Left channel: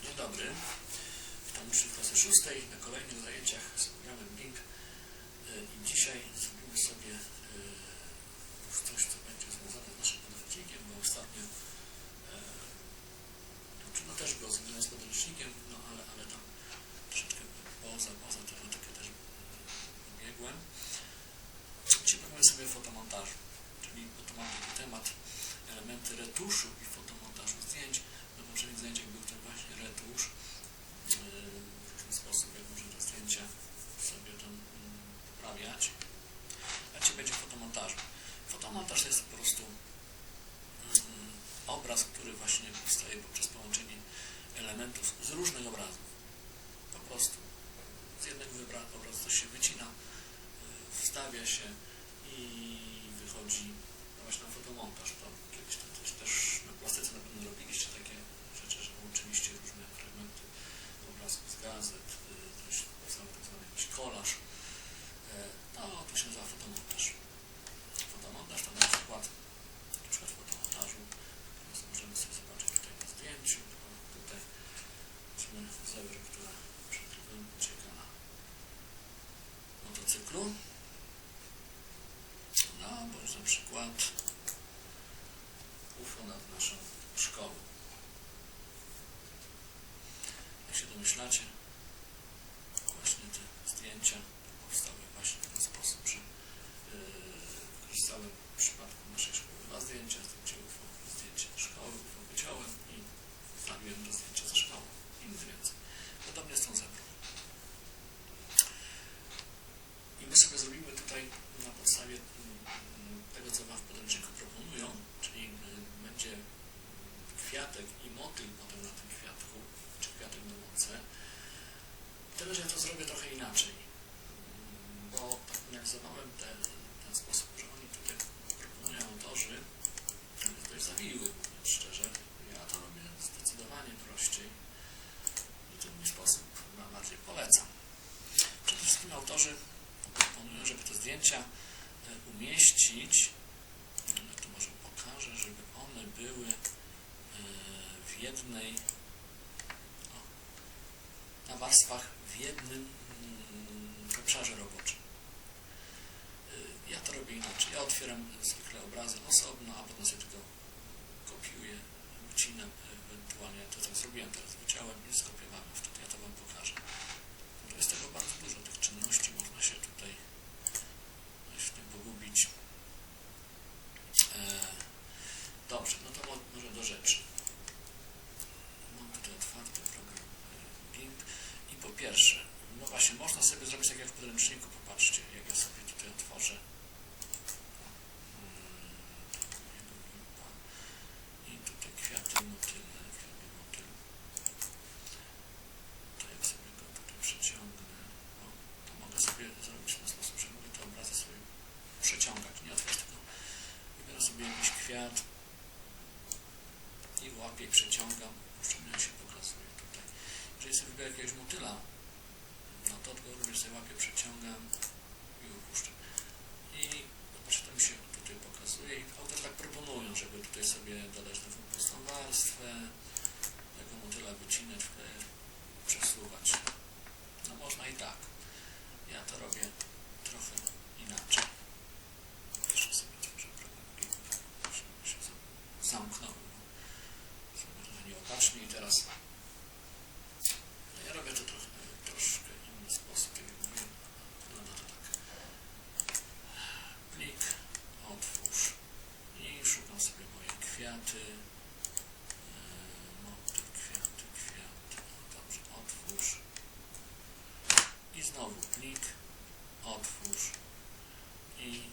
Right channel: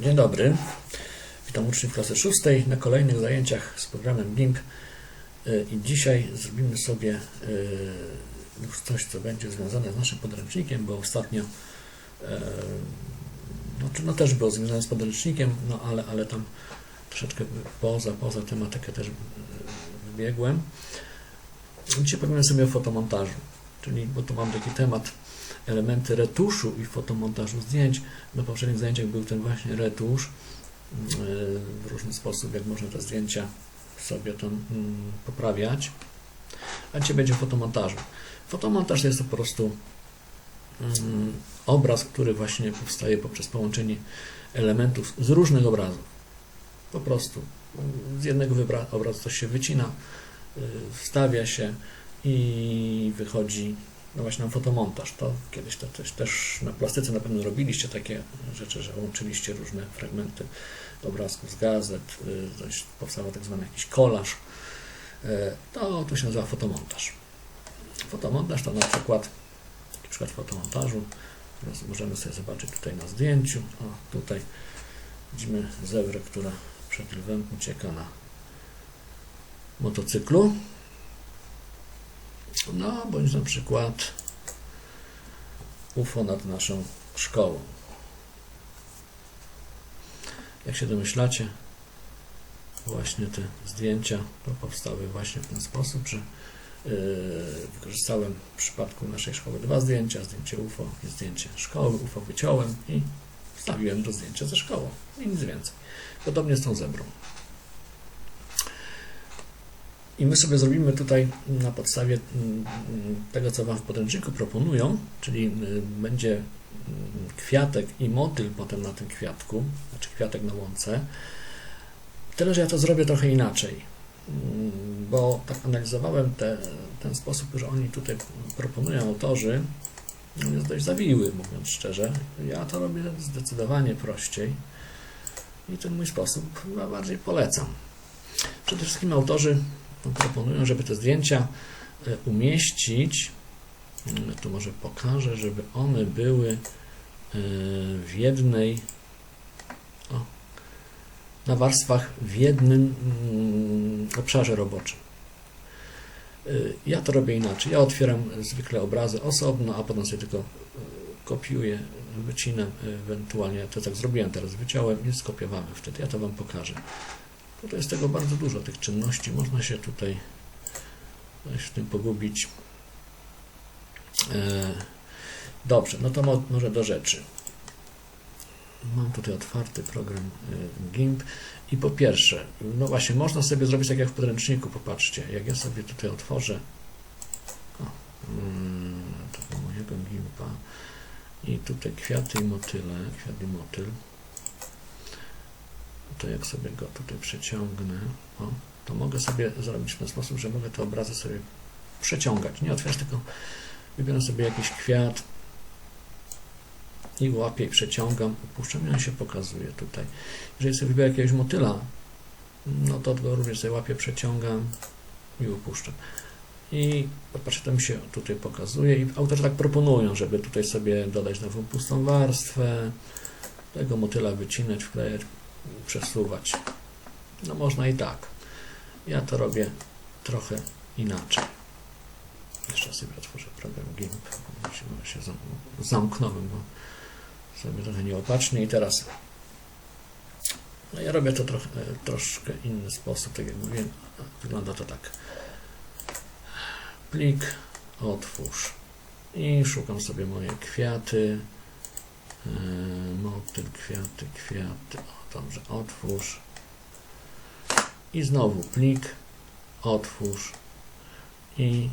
Dzień dobry. Witam uczniów klasy szóstej na kolejnych zajęciach z programem GIMP. Y, I dzisiaj zrobimy sobie y, już coś, co będzie związane z naszym podręcznikiem, bo ostatnio e, no, no też było związane z podręcznikiem, no ale, ale tam troszeczkę poza, poza tematykę też y, wybiegłem. Dzisiaj powiemy sobie o fotomontażu, czyli bo tu mam taki temat elementy retuszu i fotomontażu zdjęć. Na poprzednich zajęciach był ten właśnie retusz yy, w różny sposób, jak można te zdjęcia sobie tam mm, poprawiać. A dzisiaj będzie. Fotomontaż to jest to po prostu mm, obraz, który właśnie powstaje poprzez połączenie elementów z różnych obrazów. Po prostu z jednego obrazu coś się wycina, yy, wstawia się i wychodzi no właśnie na fotomontaż. To kiedyś to też, też na plastyce na pewno robiliście takie rzeczy, że łączyliście różne fragmenty obrazków z gazet, y, powstał tak zwany jakiś kolaż. Y, To, to się nazywa fotomontaż. Fotomontaż to na przykład, taki przykład fotomontażu, teraz możemy sobie zobaczyć tutaj na zdjęciu, o tutaj widzimy zebrę, która przed lwem ucieka na motocyklu. No, bądź na przykład UFO nad naszą szkołą. Jak się domyślacie, właśnie te zdjęcia powstały właśnie w ten sposób, że yy, wykorzystałem w przypadku naszej szkoły dwa zdjęcia, zdjęcie UFO i zdjęcie szkoły. UFO wyciąłem i wstawiłem do zdjęcia ze szkołą i nic więcej. Podobnie z tą zebrą. I my sobie zrobimy tutaj na podstawie mm, tego, co Wam w podręczniku proponują, czyli y, będzie mm, kwiatek i motyl potem na tym kwiatku, znaczy kwiatek na łące. Tyle, że ja to zrobię trochę inaczej, Mm, bo tak analizowałem te, ten sposób, że oni tutaj proponują autorzy, jest dość zawiły, mówiąc szczerze. Ja to robię zdecydowanie prościej i ten mój sposób chyba bardziej polecam. Przede wszystkim autorzy proponują, żeby te zdjęcia e, umieścić, mm, tu może pokażę, żeby one były e, w jednej, o, na warstwach w jednym mm, obszarze roboczym. E, Ja to robię inaczej. Ja otwieram zwykle obrazy osobno, a potem sobie tylko kopiuję, wycinam, ewentualnie to tak zrobiłem teraz, wyciąłem i skopiowałem wtedy. Ja to Wam pokażę. Tutaj jest tego bardzo dużo, tych czynności. Można się tutaj w tym pogubić. E, Dobrze, no to mo- może do rzeczy. Mam tutaj otwarty program e, GIMP i po pierwsze, no właśnie, można sobie zrobić tak jak w podręczniku, popatrzcie, jak ja sobie tutaj otworzę o, mm, tego mojego GIMPa i tutaj kwiaty i motyle, kwiat i motyl, to jak sobie go tutaj przeciągnę, o, to mogę sobie zrobić w ten sposób, że mogę te obrazy sobie przeciągać. Nie otwierać, tylko wybieram sobie jakiś kwiat i łapię i przeciągam, puszczam i on się pokazuje tutaj. Jeżeli sobie wybiorę jakiegoś motyla, no to go również sobie łapię, przeciągam i upuszczam. I popatrzcie, to mi się tutaj pokazuje i autorzy tak proponują, żeby tutaj sobie dodać nową pustą warstwę, tego motyla wycinać, wklejać, przesuwać. No można i tak. Ja to robię trochę inaczej. Jeszcze sobie otworzę program GIMP. bo się- się zam- zamknąłem, bo sobie trochę nieopatrznie i teraz no ja robię to trochę, troszkę inny sposób, tak jak mówiłem. Wygląda to tak. Plik, otwórz i szukam sobie moje kwiaty. Yy, Motyl, kwiaty, kwiaty. Dobrze, otwórz. I znowu plik, otwórz i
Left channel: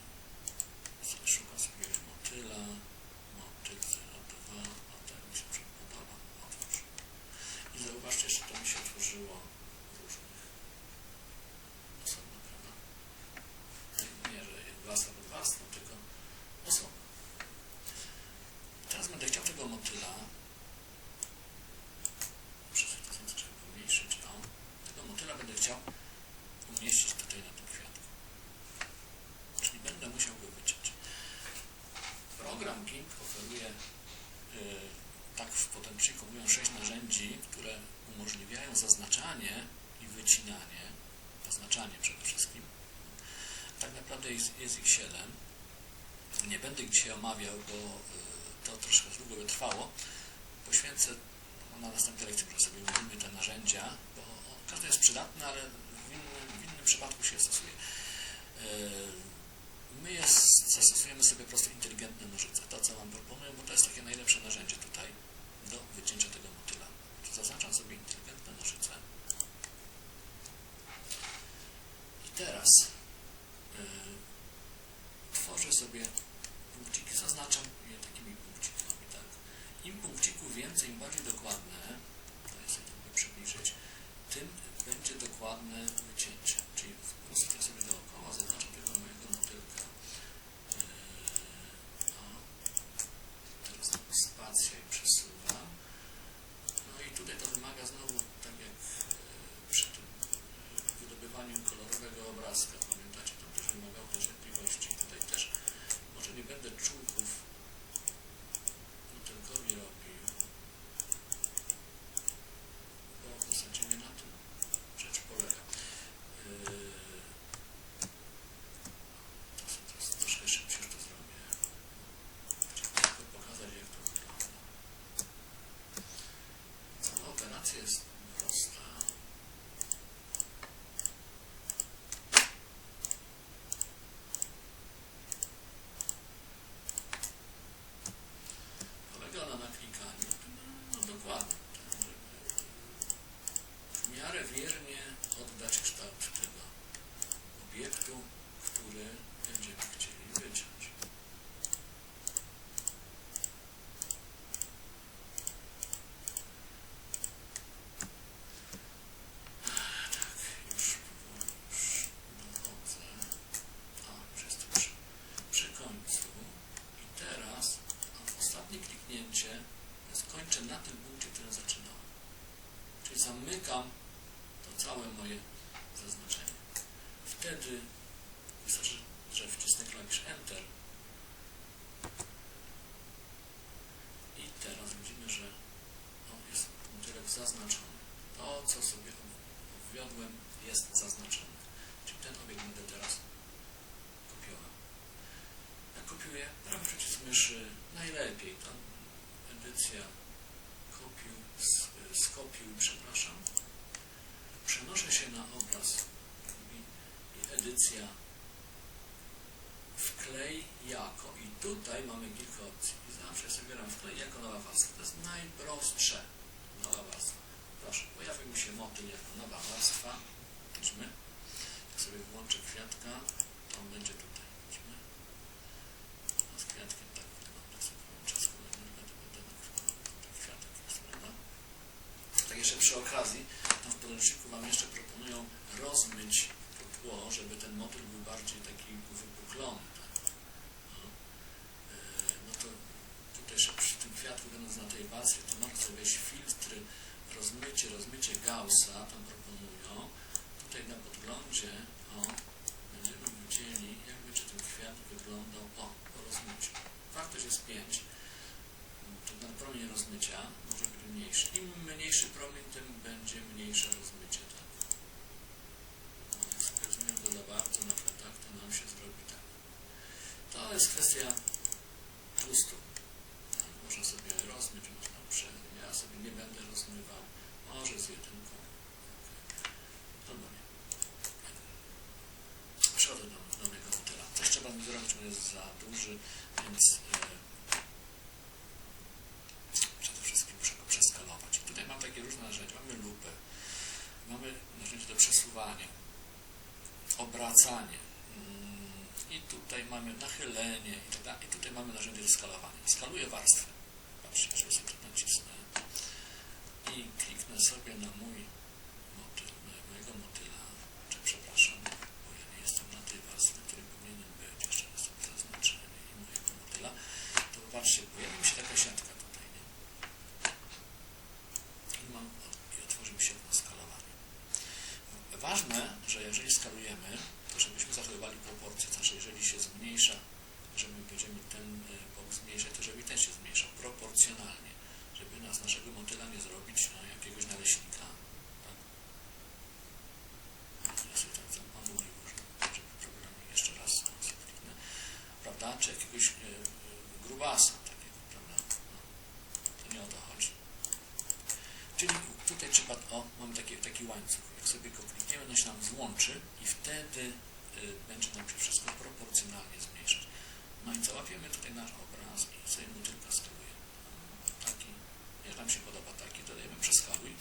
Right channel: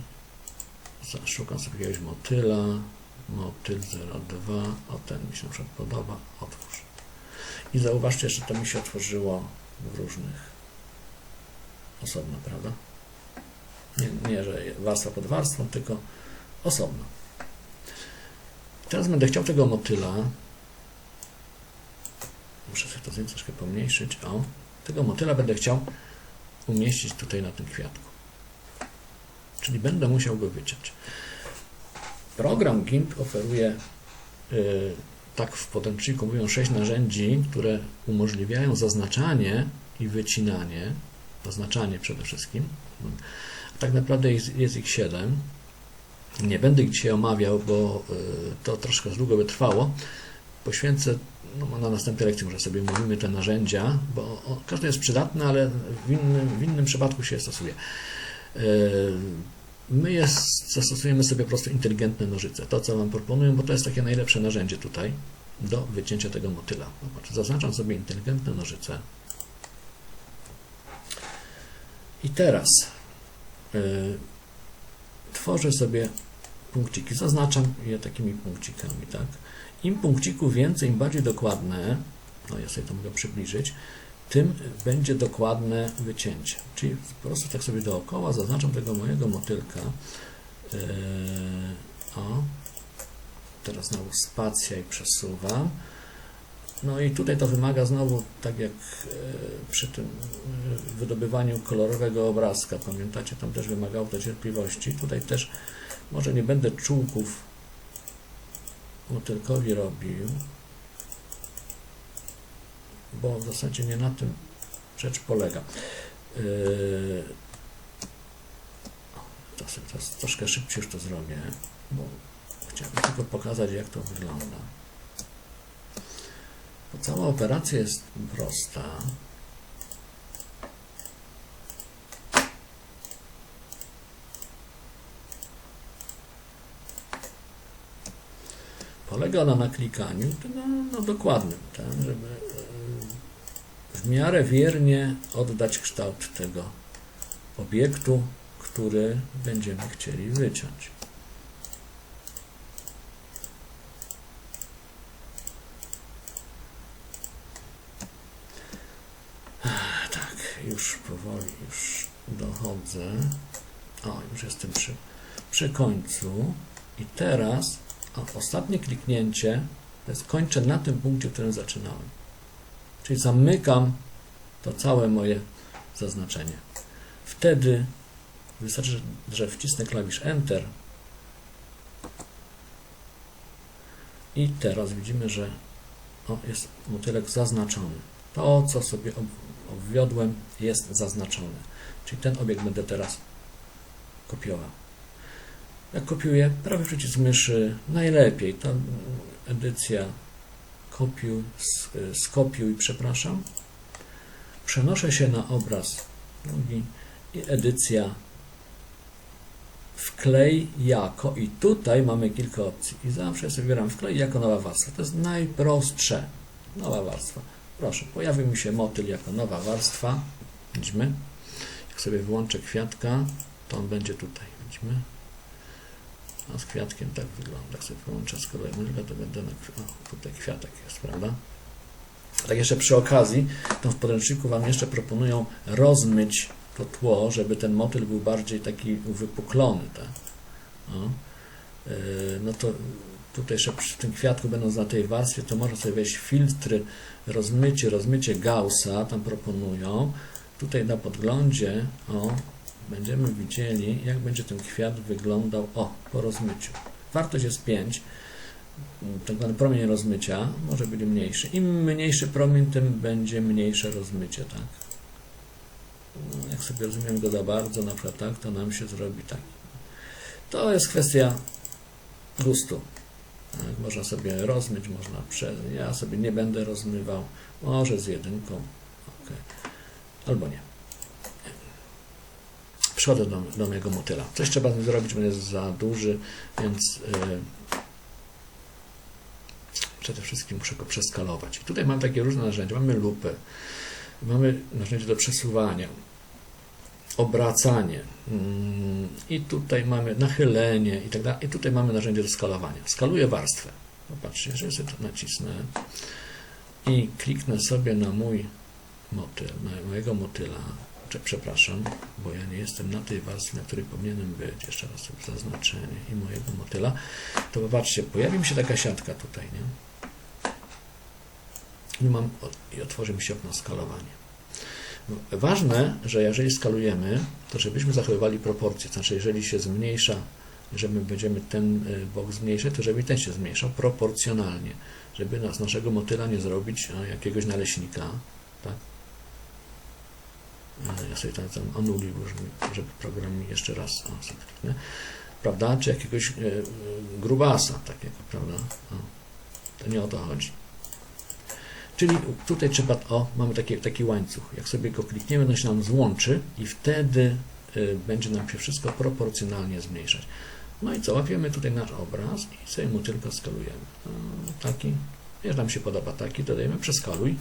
szukam sobie jakiegoś motyla. Motyl 02. O, ten mi się podoba. Otwórz. I zauważcie, że to mi się otworzyło w różnych osobno, prawda? Nie, nie że warstwa pod warstwą, tylko osobno. Teraz będę chciał tego motyla. Muszę sobie to zdjęcie troszkę pomniejszyć. O, tego motyla będę chciał umieścić tutaj na tym kwiatku. Czyli będę musiał go wyciąć. Program GIMP oferuje y, tak w podręczniku mówią, sześć narzędzi, które umożliwiają zaznaczanie i wycinanie, zaznaczanie przede wszystkim. Tak naprawdę jest, ich siedem. Nie będę ich dzisiaj omawiał, bo y, to troszkę długo by trwało. Poświęcę na następnej lekcji, może sobie mówimy te narzędzia, bo o, każde jest przydatne, ale w innym, w innym przypadku się stosuje. Y, My jest, zastosujemy sobie po prostu inteligentne nożyce. To, co Wam proponuję, bo to jest takie najlepsze narzędzie tutaj do wycięcia tego motyla. Zaznaczam sobie inteligentne nożyce. I teraz y, tworzę sobie punkciki. Zaznaczam je takimi punkcikami, tak? Im punkcików więcej, im bardziej dokładne, no ja sobie to mogę przybliżyć, tym będzie dokładne wycięcie. Czyli po prostu tak sobie dookoła zaznaczam tego mojego motylka. Yy, o, teraz znowu spacja i przesuwam. No i tutaj to wymaga znowu, tak jak e, przy tym e, wydobywaniu kolorowego obrazka, pamiętacie, tam też wymagało to cierpliwości. Tutaj też może nie będę czółków motylkowi robił, bo w zasadzie nie na tym rzecz polega. Yy, teraz troszkę szybciej już to zrobię, bo chciałbym tylko pokazać, jak to wygląda. Bo cała operacja jest prosta. Polega ona na klikaniu no, no dokładnym, tak, żeby e, w miarę wiernie oddać kształt tego obiektu, który będziemy chcieli wyciąć. Tak, już powoli, już dochodzę. O, już jestem przy, przy końcu. I teraz o, ostatnie kliknięcie to jest kończę na tym punkcie, którym zaczynałem. Czyli zamykam to całe moje zaznaczenie. Wtedy wystarczy, że wcisnę klawisz Enter i teraz widzimy, że o, jest motylek zaznaczony. To, co sobie obwiodłem, jest zaznaczone. Czyli ten obiekt będę teraz kopiował. Kopiuję, prawy przycisk myszy, najlepiej to edycja kopiuj, skopiuj, przepraszam. Przenoszę się na obraz drugi i edycja wklej jako i tutaj mamy kilka opcji i zawsze sobie wybieram wklej jako nowa warstwa. To jest najprostsze. Nowa warstwa. Proszę, pojawi mi się motyl jako nowa warstwa. Widzimy. Jak sobie włączę kwiatka, to on będzie tutaj. Widzimy. A z kwiatkiem tak wygląda. Jak sobie połączę z myszkę, to będę na o, tutaj kwiatek jest, prawda? Tak jeszcze przy okazji, to w podręczniku Wam jeszcze proponują rozmyć to tło, żeby ten motyl był bardziej taki uwypuklony, tak? No, no to tutaj jeszcze przy tym kwiatku będąc na tej warstwie, to można sobie wejść filtry, rozmycie, rozmycie Gaussa, tam proponują. Tutaj na podglądzie, o, będziemy widzieli, jak będzie ten kwiat wyglądał o, po rozmyciu. Wartość jest 5, tak zwany promień rozmycia może być mniejszy. Im mniejszy promień, tym będzie mniejsze rozmycie, tak? Jak sobie rozumiem go za bardzo, na przykład tak, to nam się zrobi tak. To jest kwestia gustu. Tak, Można sobie rozmyć, można przez. Ja sobie nie będę rozmywał. Może z jedynką. Okay. Albo nie przodę do, mojego motyla. Coś trzeba z zrobić, bo jest za duży, więc yy, przede wszystkim muszę go przeskalować. I tutaj mam takie różne narzędzia. Mamy lupę, mamy narzędzie do przesuwania, obracanie yy, i tutaj mamy nachylenie i tak dalej. I tutaj mamy narzędzie do skalowania. Skaluję warstwę. Popatrzcie, jeżeli sobie to nacisnę i kliknę sobie na mój motyl, na mojego motyla, przepraszam, bo ja nie jestem na tej warstwie, na której powinienem być, jeszcze raz sobie zaznaczenie i mojego motyla, to popatrzcie, pojawi mi się taka siatka tutaj, nie? I, mam, i otworzy mi się okno skalowanie. Ważne, że jeżeli skalujemy, to żebyśmy zachowywali proporcje, znaczy jeżeli się zmniejsza, że my będziemy ten bok zmniejszać, to żeby ten się zmniejszał proporcjonalnie. żeby z naszego motyla nie zrobić jakiegoś naleśnika, tak? Ale ja sobie tam, tam żeby, program mi jeszcze raz sobie, nie? prawda? Czy jakiegoś e, e, grubasa takiego, prawda? No, to nie o to chodzi. Czyli tutaj trzeba, o, mamy taki, taki łańcuch. Jak sobie go klikniemy, to się nam złączy i wtedy y, będzie nam się wszystko proporcjonalnie zmniejszać. No i co, łapiemy tutaj nasz obraz i sobie mu tylko skalujemy. No, taki, jak nam się podoba taki, dodajemy przeskaluj.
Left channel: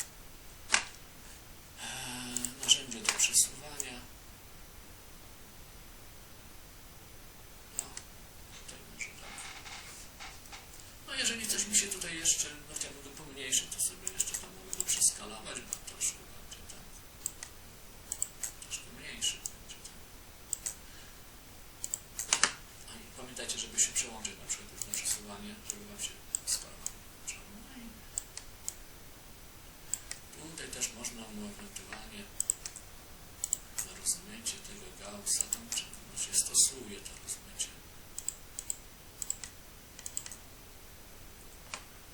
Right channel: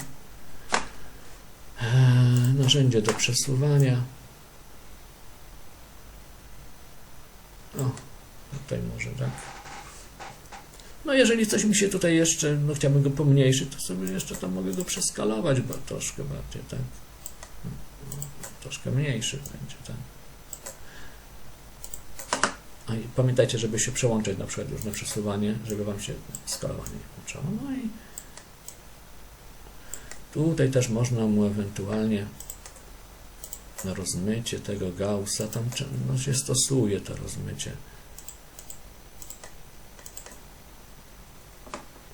Eee, narzędzie do przesuwania. O, tutaj może tak. No jeżeli coś mi się tutaj jeszcze, no chciałbym go pomniejszyć, to sobie jeszcze tam mogę go przeskalować, bo troszkę bardziej, tak. Troszkę mniejszy będzie, tak. I pamiętajcie, żeby się przełączać na przykład już na przesuwanie, żeby Wam się skalowanie włączało. No i tutaj też można mu ewentualnie na rozmycie tego Gaussa, tam no, się stosuje to rozmycie.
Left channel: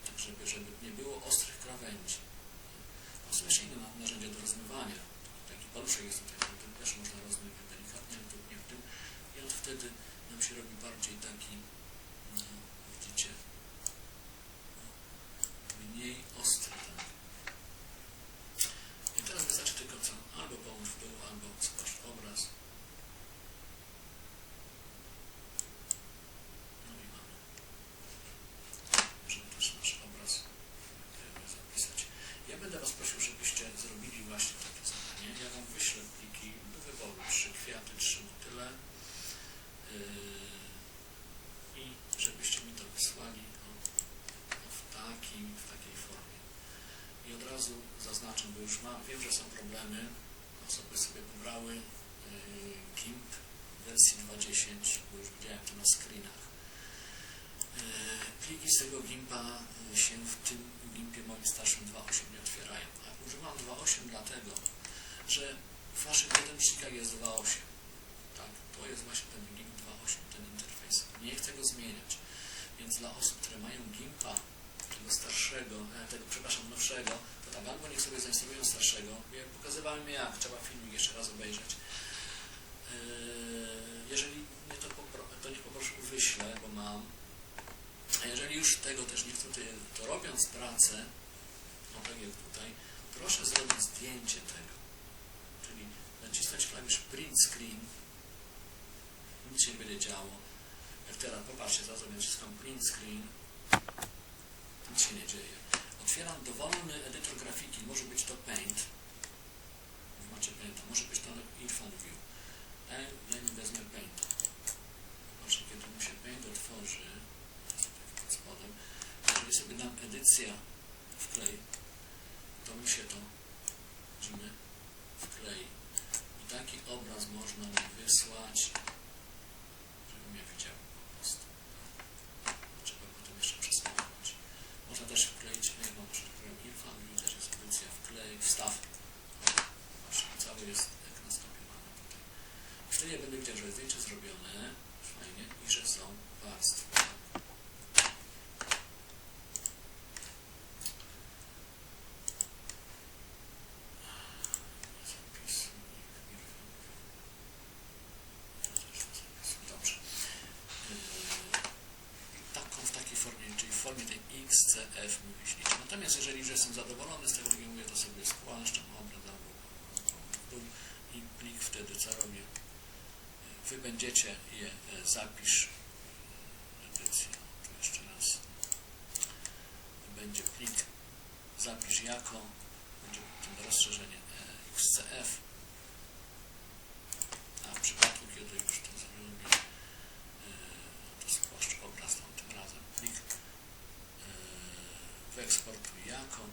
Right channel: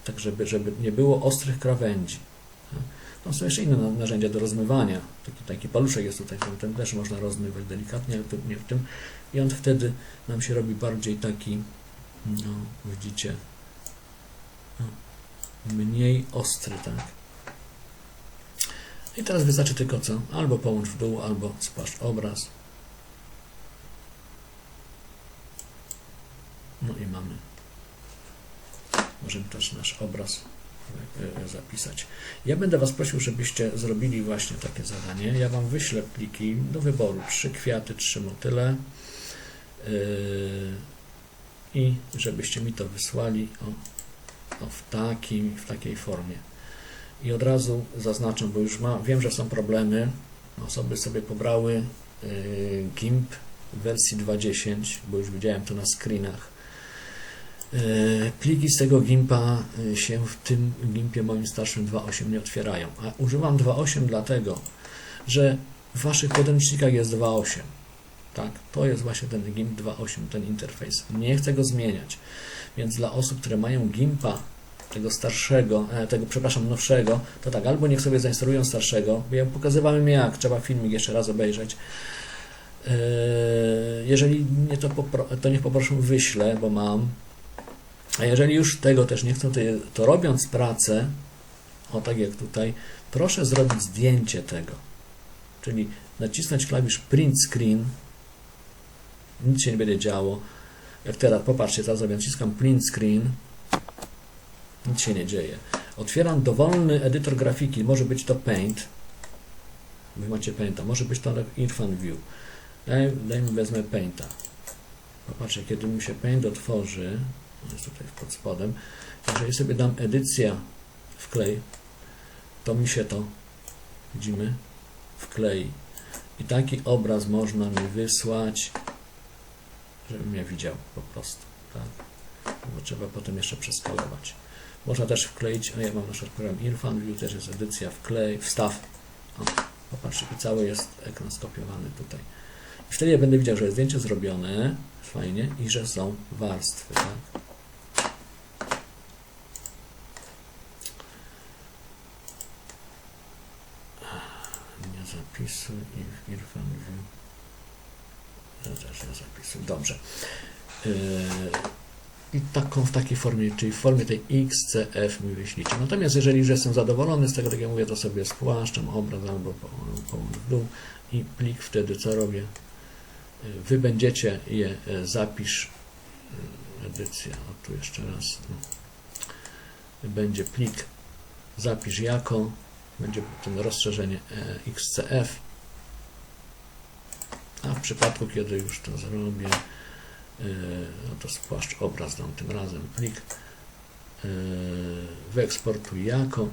tak żeby, żeby nie było ostrych krawędzi. No, są jeszcze inne na- narzędzia do rozmywania. Taki, taki paluszek jest tutaj, ten, też można rozmywać delikatnie, ale tu nie w tym. I on wtedy nam się robi bardziej taki, no widzicie, no, mniej ostry, tak. I teraz wystarczy tylko co? Albo połącz w dół, albo spłaszcz obraz. No i mamy możemy też nasz obraz e, e, zapisać. Ja będę Was prosił, żebyście zrobili właśnie takie zadanie. Ja Wam wyślę pliki do wyboru. Trzy kwiaty, trzy motyle. Yy, I żebyście mi to wysłali o, o, w, takim, w takiej formie. I od razu zaznaczę, bo już ma, wiem, że są problemy. Osoby sobie pobrały yy, GIMP w wersji 2.10, bo już widziałem to na screenach. E, Pliki z tego GIMPa e, się w tym GIMPie moim starszym 2.8 nie otwierają. A używam 2.8 dlatego, że w Waszych podręcznikach jest 2.8. Tak, to jest właśnie ten GIMP 2.8, ten interfejs. Nie chcę go zmieniać. Więc dla osób, które mają GIMPa tego starszego, e, tego, przepraszam, nowszego, to tak, albo niech sobie zainstalują starszego, ja pokazywałem jak, trzeba filmik jeszcze raz obejrzeć. E, Jeżeli nie, to, to niech poproszę wyślę, bo mam. A jeżeli już tego też nie chcą, to, to robiąc pracę, o tak jak tutaj, proszę zrobić zdjęcie tego. Czyli nacisnąć klawisz print screen, nic się nie będzie działo. Jak teraz, popatrzcie, teraz sobie naciskam print screen, nic się nie dzieje. Otwieram dowolny edytor grafiki, może być to Paint, wy macie Painta, może być to Irfan View. Daj, dajmy, wezmę Painta. Popatrzcie, kiedy mi się Paint otworzy, jest tutaj pod spodem. Jeżeli sobie dam edycja wklej, to mi się to, widzimy, wklei. I taki obraz można mi wysłać, żebym ja widział po prostu. Tak? Bo trzeba potem jeszcze przeskalować. Można też wkleić, a ja mam na przykład program Irfan View, też jest edycja wklej, wstaw. O, popatrzcie, cały jest ekran skopiowany tutaj. I wtedy ja będę widział, że jest zdjęcie zrobione, fajnie, i że są warstwy. Tak? Nie zapisuj i w Irfan View. Ja też nie zapisuj. Dobrze. Yy, I taką w takiej formie, czyli w formie tej XCF mi wyślijcie. Natomiast jeżeli już jestem zadowolony z tego, tak jak mówię, to sobie spłaszczam obraz albo po- połącz w dół i plik wtedy co robię? Yy, Wy będziecie je e, zapisz e, edycja, o tu jeszcze raz będzie plik zapisz jako będzie tym rozszerzenie XCF a w przypadku kiedy już to zrobię no to spłaszcz obraz dam tym razem plik e, wyeksportuj jako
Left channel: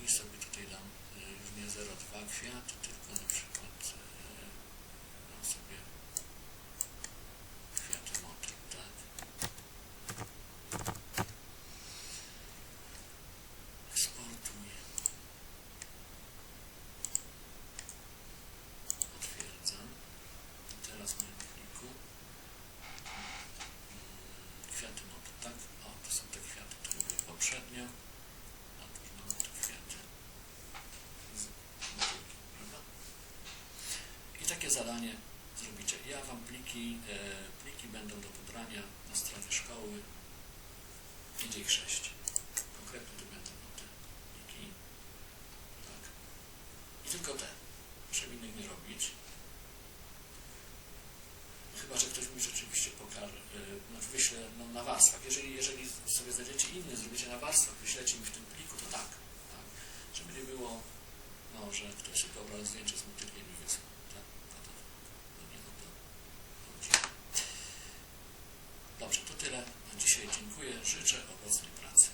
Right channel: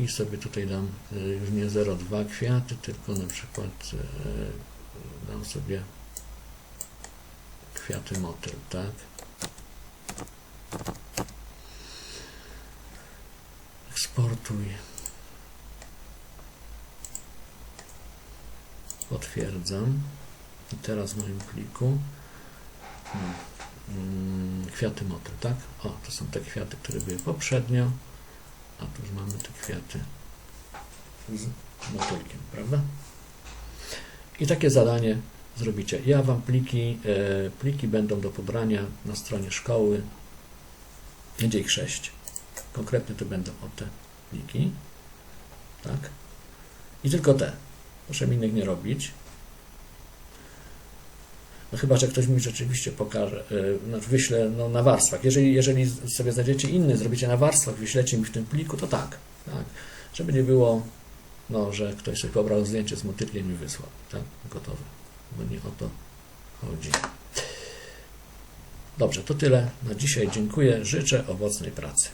i sobie tutaj dam e, już nie 0,2 kwiaty tylko na przykład e, dam sobie kwiaty motyl, tak? Eksportuj. Potwierdzam. I teraz w moim pliku kwiaty motyl, tak? O, to są te kwiaty, które były poprzednio. A tu już mamy te kwiaty z motylkiem, prawda? I takie zadanie zrobicie. Ja Wam pliki, e, pliki będą do pobrania na stronie szkoły. Będzie ich sześć. Konkretnie to będą o te pliki. Tak? I tylko te. Proszę innych nie robić. No chyba, że ktoś mi rzeczywiście pokaże, no, wyśle no, na warstwach. Jeżeli, jeżeli sobie znajdziecie inny, zrobicie na warstwach, wyślecie mi w tym pliku, to tak. tak. Żeby nie było, no, że ktoś sobie pobrał zdjęcie z motylkiem i wysłał. Tak? Gotowe. Bo nie o to chodzi. Dobrze, to tyle na dzisiaj. Dziękuję. Życzę owocnej pracy.